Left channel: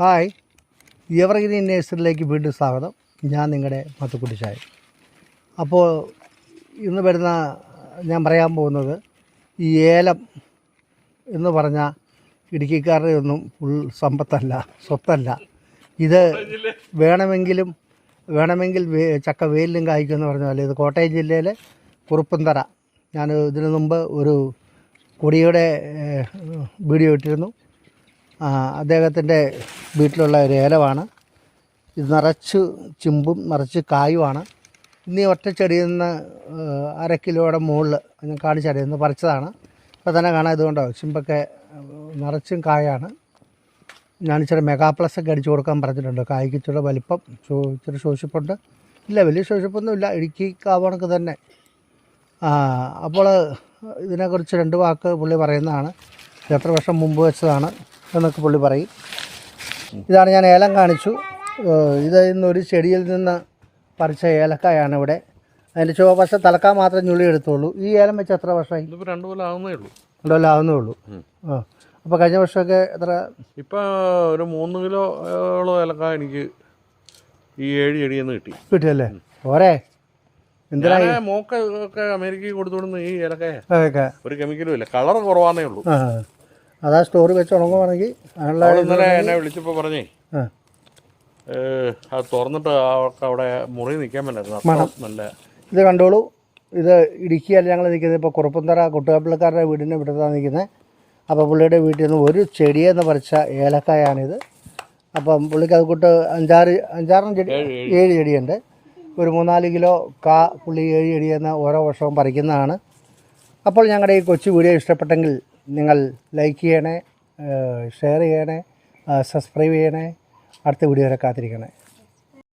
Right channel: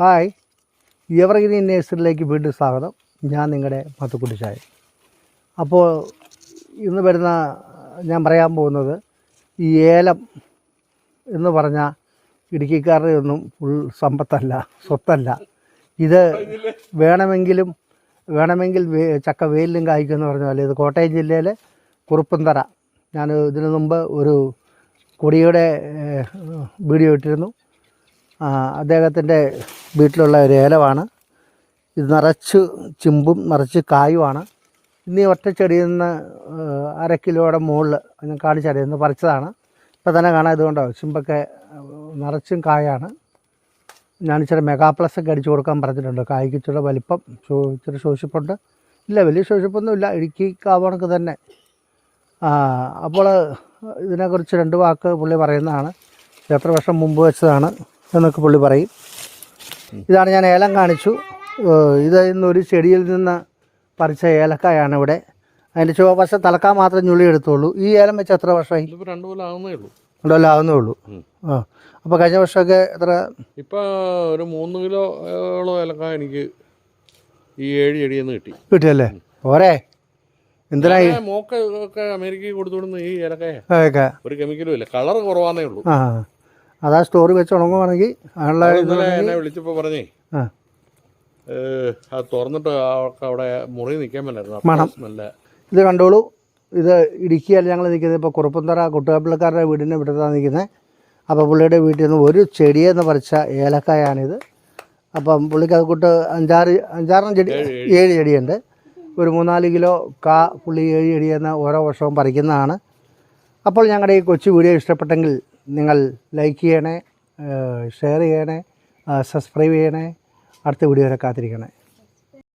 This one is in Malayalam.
ഹായ്, എവർഗ്രീൻ നേഴ്സറിയിലേക്ക് വീണ്ടും സ്വാഗതം. ഞാൻ നിങ്ങളുടെ മത്തുക്കുട്ടിച്ചായ. അപ്പോൾ ഇന്ന് വരുന്ന ഞാൻ പറയാൻ പോകുന്നത് ഈ ഏലം എന്ന് പറഞ്ഞാൽ ഇടുക്കിക്കാരുടെ ഒന്നും ഫുൾ സമ്പത്തല്ല, സ്വത്തല്ല. ഇത് വേണമെങ്കിൽ ചക്ക വെയിലും കായ്ക്കുമെന്ന് പറഞ്ഞ പോലെ ഇത് കോട്ടയം ജില്ലയിലെ കുറുപ്പന്തറ. ഞാൻ ഇതിനു മുമ്പ് ഒരു കൊടിയുടെ വീഡിയോ ഇട്ടിരുന്നു. അദ്ദേഹത്തിൻ്റെ വീട്ടിലുള്ള ഒരു ഏലമാണ് ഇത്. നിറച്ച് ചിമ്പും നിറച്ച് കായുമാണ്. ഇന്ന് ഈ ഒറ്റ ചെടിയിൽ നിന്ന് 1/2 കിലോയുടെ മുകളിൽ ഞാൻ കാണിച്ചറിയാം, ഇന്ന് പറിച്ചതാണ്. ഇപ്പോൾ തന്നെ കാണാം, ഇതുകൊണ്ടോ ചിമ്പൊക്കെ നിറച്ചും കായാണ്. ഞാനിച്ചിരി മെഗാ പ്ലസ് ഒക്കെ അടിച്ചു കൊടുക്കാൻ പറഞ്ഞിട്ടുണ്ട്. കായ്ക്ക് ഇച്ചിരി വലിപ്പം ഇച്ചിരി ശോഷിപ്പുണ്ട്. ഇല്ല, വലിയ ശോഷിപ്പൊന്നുമില്ല, ഇടുക്കി കാവണക്ക് തന്നെ. അപ്പോൾ ഇതിനെക്കുറിച്ച് 2 വാക്ക് പുള്ളി പറയുന്നതാണ്. എത്ര വർഷം മുമ്പ് വെച്ചതാണ് എന്നൊക്കെ പുള്ളി പറയും. ഇതാണ് ഞാൻ ഏലം കാണിച്ചു. ഇത് ഇന്നൊരു ചെടിയിൽ നിന്ന് പറിച്ച ഏലക്കായാണ് ഇവിടെ. അതിൻ്റെ ചുവവശ തലക്കാൻ മാത്രം ഞുള്ളി എടുത്തോളൂ. ഈ ഏലം വെച്ച് എത്ര വർഷമായി? 2 കൊല്ലം ആവുന്നേ ഉള്ളൂ. 2 കൊല്ലം ആവുന്നേ ഉള്ളൂ. അപ്പോൾ കഴിഞ്ഞ വർഷമൊക്കെ എത്ര? ഇപ്പോൾ ഒരു 3 കിലോളം ഏലക്ക എനിക്ക് ഈ 7 ചെടിയിൽ നിന്ന് കിട്ടിയല്ലേ? പോരെ, എന്തിനായി മോക്കൊക്കെ അമേരിക്കയിൽ കൊടുത്തുവിടുന്ന ഈ ഏലക്ക ഒരു കെമിക്കലും ഇല്ല, കളർ കുറവാന്നേ ഉള്ളൂ. അതാ സ്റ്റോറി വെച്ച് ഉണങ്ങുവാണെങ്കിൽ. ഇന്നലെ എന്നെ വിളിച്ചപ്പോൾ പറഞ്ഞേ അത് തുറന്നിട്ട് അവിടെ മുറി നിൽക്കാൻ പറ്റില്ലായിരുന്നു. നല്ല ഇത് കണ്ടോളൂ. ഇത് ഇടുക്കിയല്ല ഞങ്ങൾ നിൽക്കുന്നത്. ഇപ്പോൾ കുറുപ്പന്തറ കുട്ടുകാപ്പിളക്കാരുടെ വീടിൻ്റെ വിട്ടത്താണ് നിൽക്കുന്നത്. അപ്പോൾ പുള്ളിയുടെ വീട്ടിൽ നിന്ന് ഒരു ചെടിയെന്ന് പറിച്ച ഏലക്കായാണിത്. അപ്പം പുള്ളിക്ക് അത് കൂട്ട് 5-6 ചെടി, 7 ചെടിയുണ്ട്. ഒരു 3-4 കിലോ പുള്ളി 7 ചെടിയെന്ന് ഓരോ വർഷവും പറിക്കുന്നതാണ്. അപ്പോൾ ഞങ്ങളുടെ ഈ കൊച്ചു വീഡിയോ ഇഷ്ടപ്പെട്ടെങ്കിൽ നിങ്ങൾ ലൈക്ക് ചെയ്യണേ, ഷെയർ ചെയ്യണേ, സബ്സ്ക്രൈബ് ചെയ്യണേ. അടുത്ത വീഡിയോ വരെ കാത്തിരിക്കണേ.